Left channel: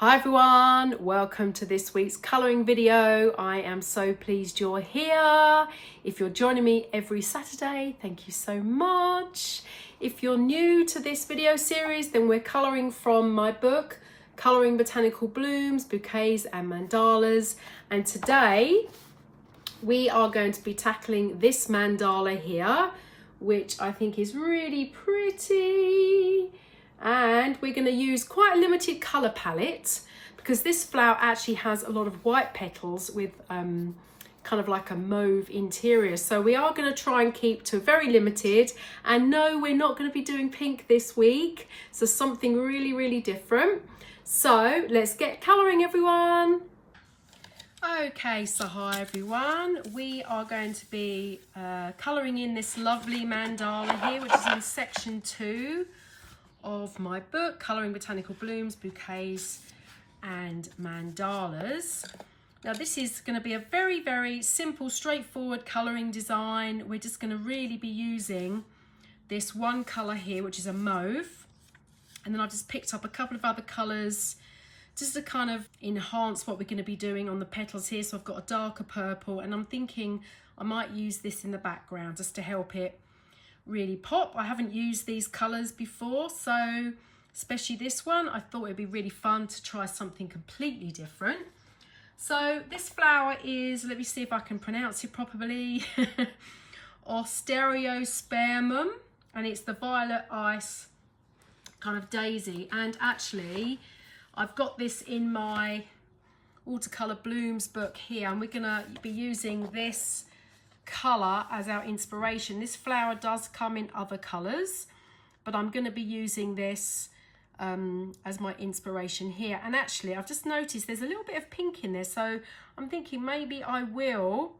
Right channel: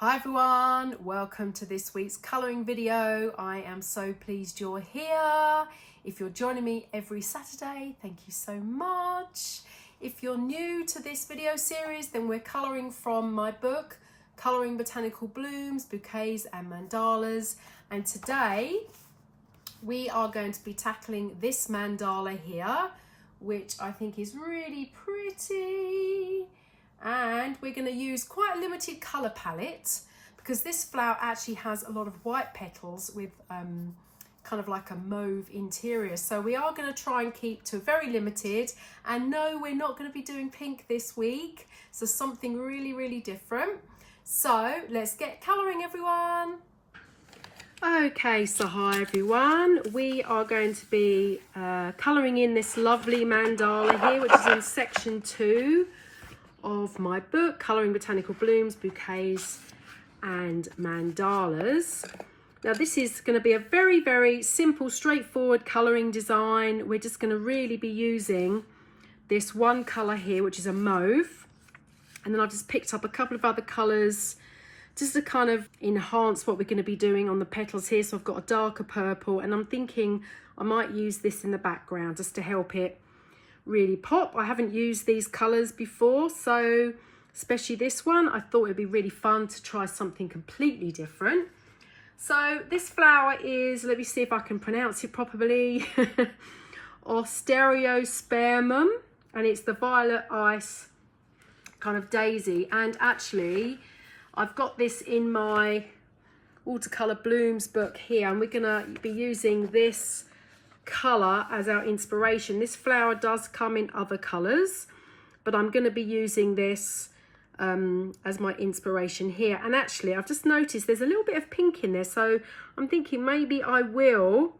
Hi everyone, welcome to this week's colouring video. I am so pleased you're here. If you're joining me every Saturday, thank you so much. If you're new to this video series, then we're colouring from my book, Colouring Botanical Blooms, Bouquets and Mandalas. And today we are going to be tackling this mandala here, which I think is really pretty. And we're going to use quite a limited colour palette because this flower actually has a lot of white petals with kind of like a mauve interior. So we are going to try and keep to very limited. And no, we're not going to be doing pink this week. So something really, really different. So let's get colouring, everyone. Okay, so hi everyone. We are going to be colouring in this lovely mandala here, which is in section 2 of my book, Colouring Botanical Blooms, Bouquets and Mandalas. Now this is going to be a very, very simple, straightforward colouring design. We're just going to really be using this one colour here, which is a mauve. And then I've just picked up a couple of other colours just to kind of enhance what we're going to be doing on the petals here. So I've got a darker purple, and I'm thinking I might use this in the background just to help it really pop. I haven't used these colours before, so especially this one, I thought it'd be really fun to try something completely different. So this flower is, let me see if I can pronounce it properly, Osteospermum, and it's the violet ice kind of daisy. And actually I've got this in my Watercolor Blooms book here, and we're gonna be using this colour as our inspiration. This flower does come in other colours, but I'm going to be using this as my inspiration here. And actually I've just noticed there's a little bit of pink in there, so I'm thinking maybe I will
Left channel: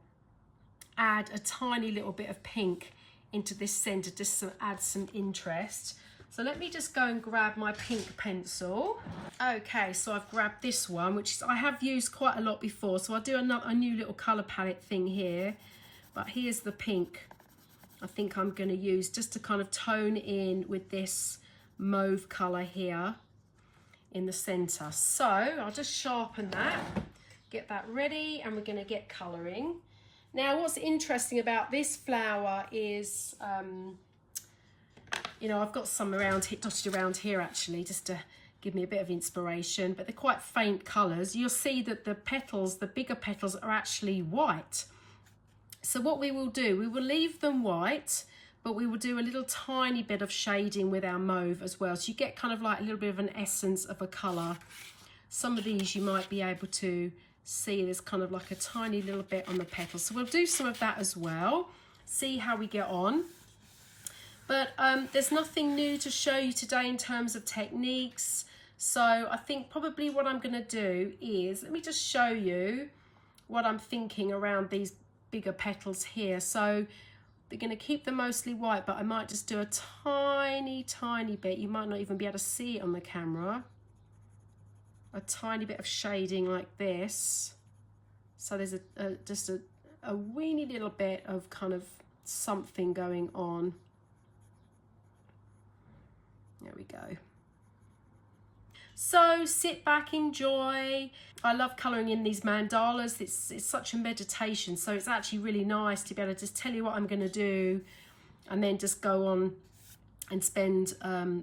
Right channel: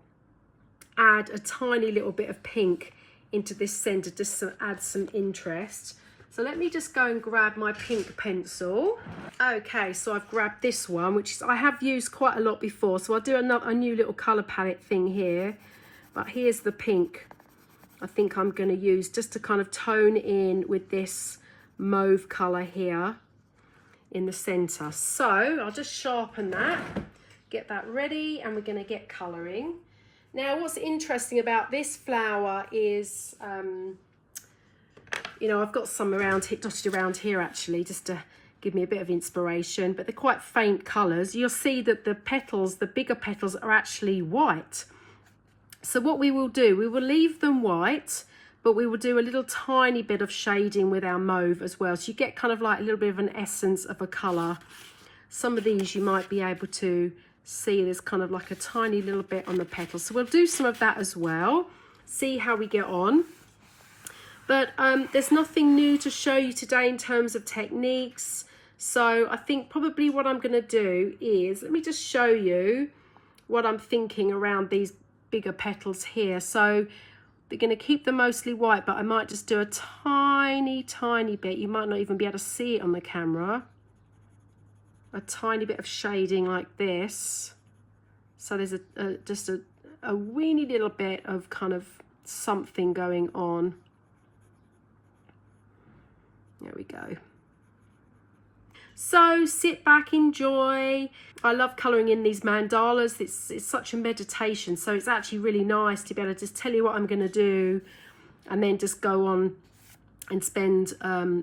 add a tiny little bit of pink into this centre just to add some interest. So let me just go and grab my pink pencil. Okay, so I've grabbed this one, which is I have used quite a lot before, so I'll do a new little colour palette thing here. But here's the pink I think I'm going to use just to kind of tone in with this mauve colour here in the centre. So I'll just sharpen that, get that ready, and we're going to get colouring. Now what's interesting about this flower is, you know, I've got some dotted around here actually, just to give me a bit of inspiration, but they're quite faint colours. You'll see that the petals, the bigger petals, are actually white. So what we will do, we will leave them white, but we will do a little tiny bit of shading with our mauve as well. So you get kind of like a little bit of an essence of a colour. Some of these you might be able to see there's kind of like a tiny little bit on the petals. So we'll do some of that as well, see how we get on. But there's nothing new to show you today in terms of techniques. So I think probably what I'm going to do is, let me just show you what I'm thinking around these bigger petals here. So they're going to keep them mostly white, but I might just do a tiny bit. You might not even be able to see it on the camera. A tiny bit of shading like this. So there's just a weeny little bit of kind of something going on. There we go. So sit back, enjoy. I love colouring in these mandalas. It's such a meditation, so it's actually really nice to be able to just tell you what I'm going to do and then just go on and spend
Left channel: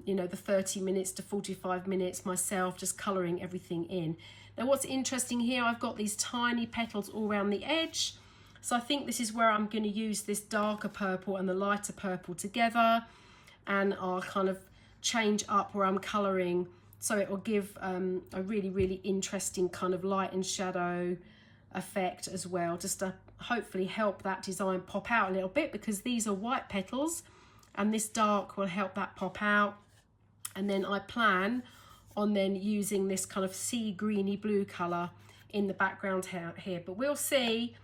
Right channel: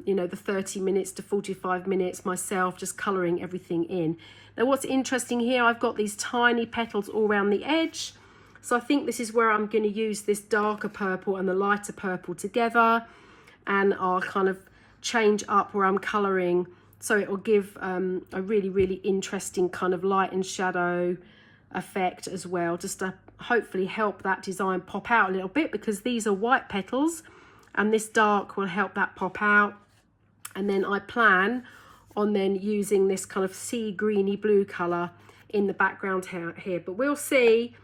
you know, the 30 minutes to 45 minutes myself just colouring everything in. Now what's interesting here, I've got these tiny petals all around the edge, so I think this is where I'm going to use this darker purple and the lighter purple together, and I'll kind of change up where I'm colouring, so it will give a really, really interesting kind of light and shadow effect as well, just to hopefully help that design pop out a little bit, because these are white petals and this dark will help that pop out. And then I plan on then using this kind of sea greeny blue colour in the background here, but we'll see.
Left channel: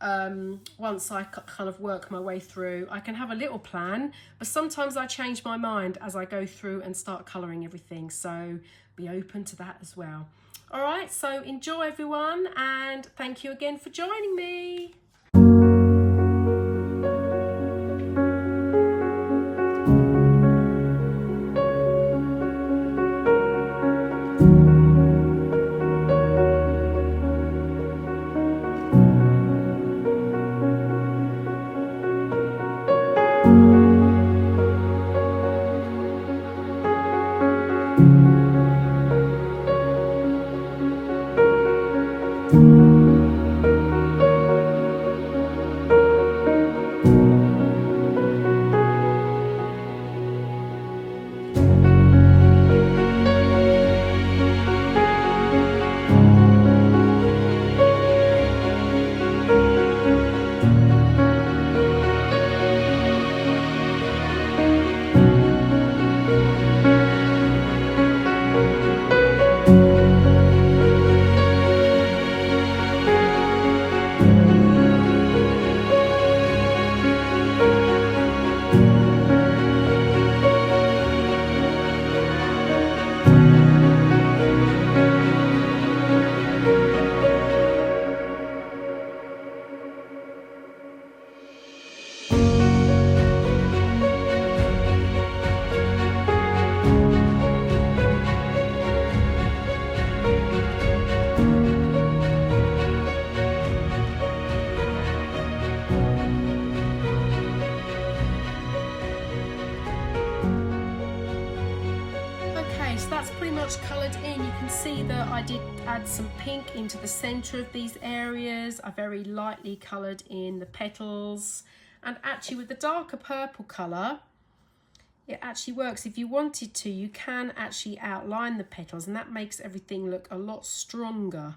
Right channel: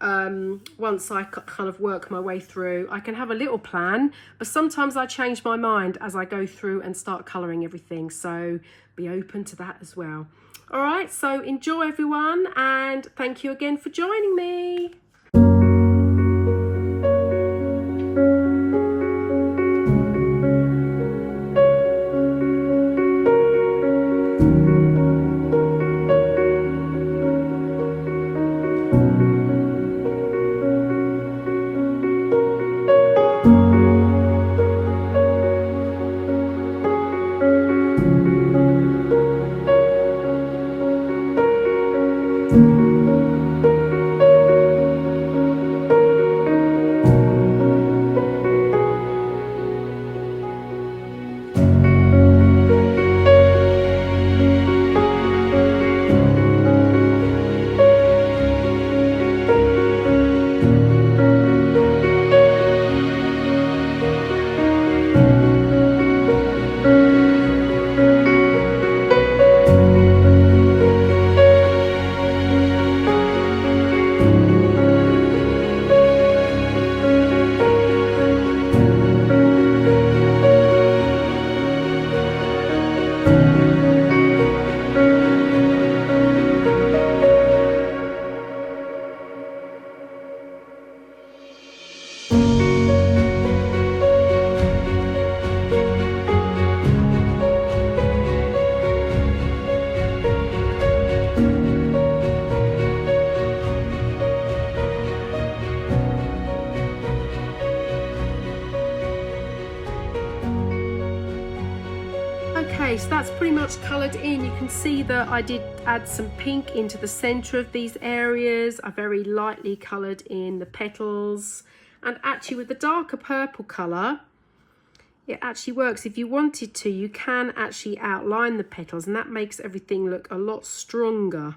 Once I kind of work my way through, I can have a little plan, but sometimes I change my mind as I go through and start colouring everything, so be open to that as well. All right, so enjoy everyone, and thank you again for joining me. pretty much coloured in. You can see that I did add some pink into the centre of these areas. I very lightly coloured in the petals, and actually with the darker purple colour, it actually works. If you wanted to, you can actually outline the petals, and that makes everything look a lot stronger.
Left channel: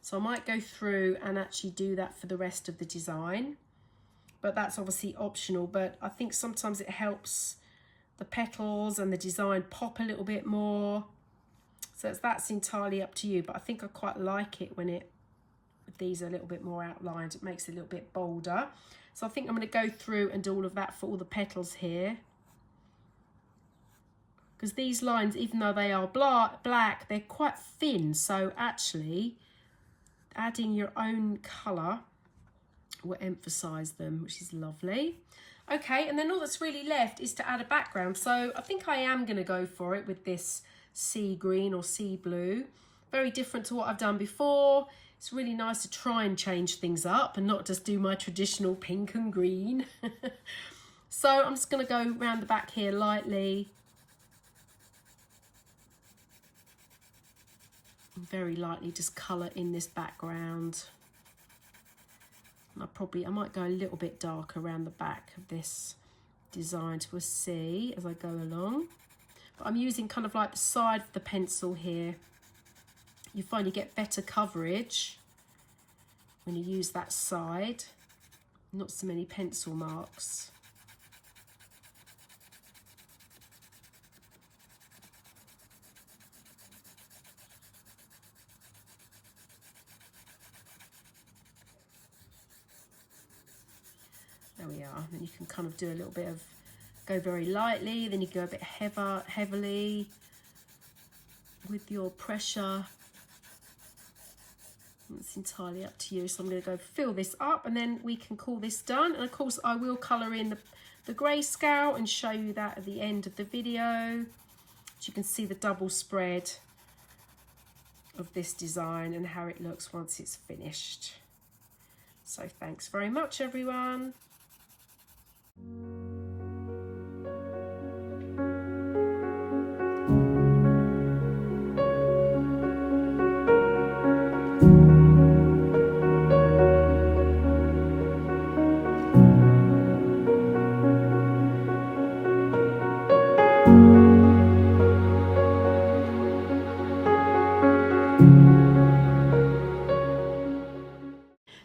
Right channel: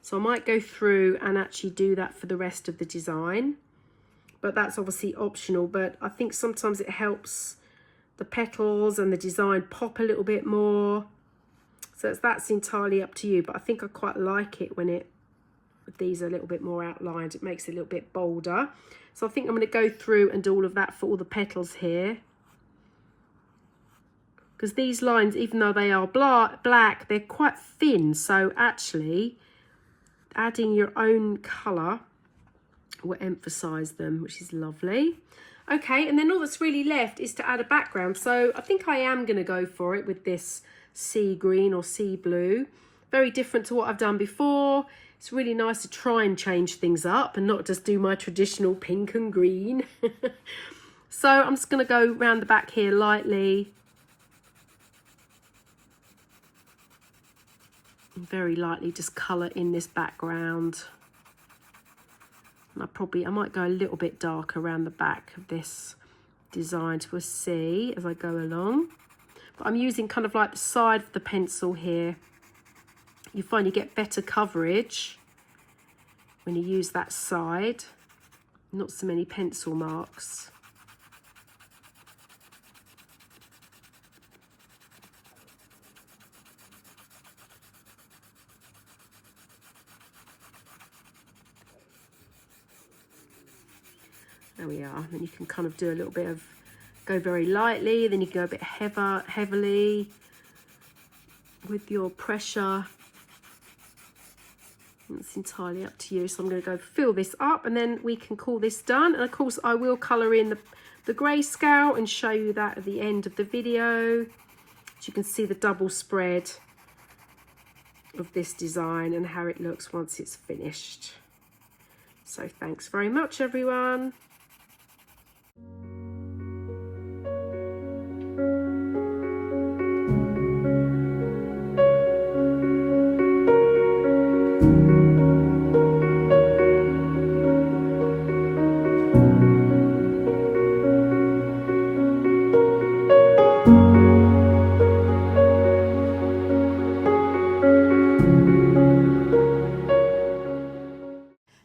So I might go through and actually do that for the rest of the design, but that's obviously optional. But I think sometimes it helps the petals and the design pop a little bit more. So that's entirely up to you, but I think I quite like it when these are a little bit more outlined. It makes it a little bit bolder. So I think I'm going to go through and do all of that for all the petals here. Because these lines, even though they are black, they're quite thin. So actually, adding your own colour will emphasise them, which is lovely. Okay, and then all that's really left is to add a background. So I think I am going to go for it with this sea green or sea blue. Very different to what I've done before. It's really nice to try and change things up and not just do my traditional pink and green. So I'm just going to go around the back here lightly. Very lightly just colour in this background. And I might go a little bit darker around the back of this design to a sea as I go along. But I'm using kind of like the side of the pencil here. You find you get better coverage when you use that side. Not so many pencil marks. There we are. Then you can kind of do a little bit of, go very lightly, then you can go a bit heavily with your pressure. It's entirely up to you. So I'm going to go fill this up, and then we can call this done. And of course I will colour in the grayscale and show you that at the end of the video. So you can see the double spread of this design and how it looks once it's finished. So thanks very much, everyone.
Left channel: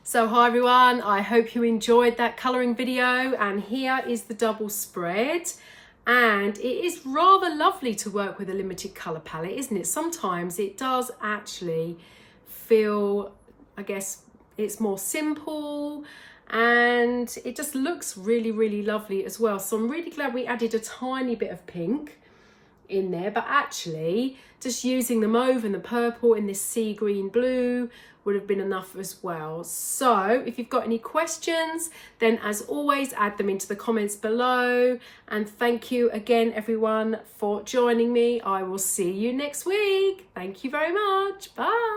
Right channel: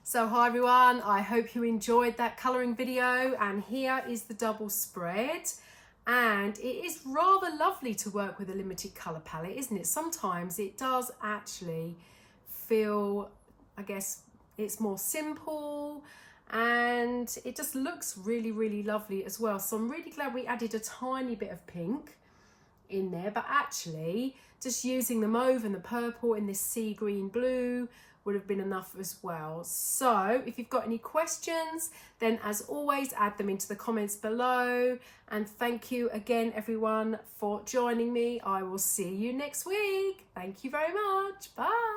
So hi everyone, I hope you enjoyed that colouring video, and here is the double spread, and it is rather lovely to work with a limited colour palette, isn't it? Sometimes it does actually feel, I guess, it's more simple and it just looks really, really lovely as well. So I'm really glad we added a tiny bit of pink in there, but actually just using the mauve and the purple in this sea green blue would have been enough as well. So if you've got any questions, then as always, add them into the comments below. And thank you again, everyone, for joining me. I will see you next week. Thank you very much. Bye.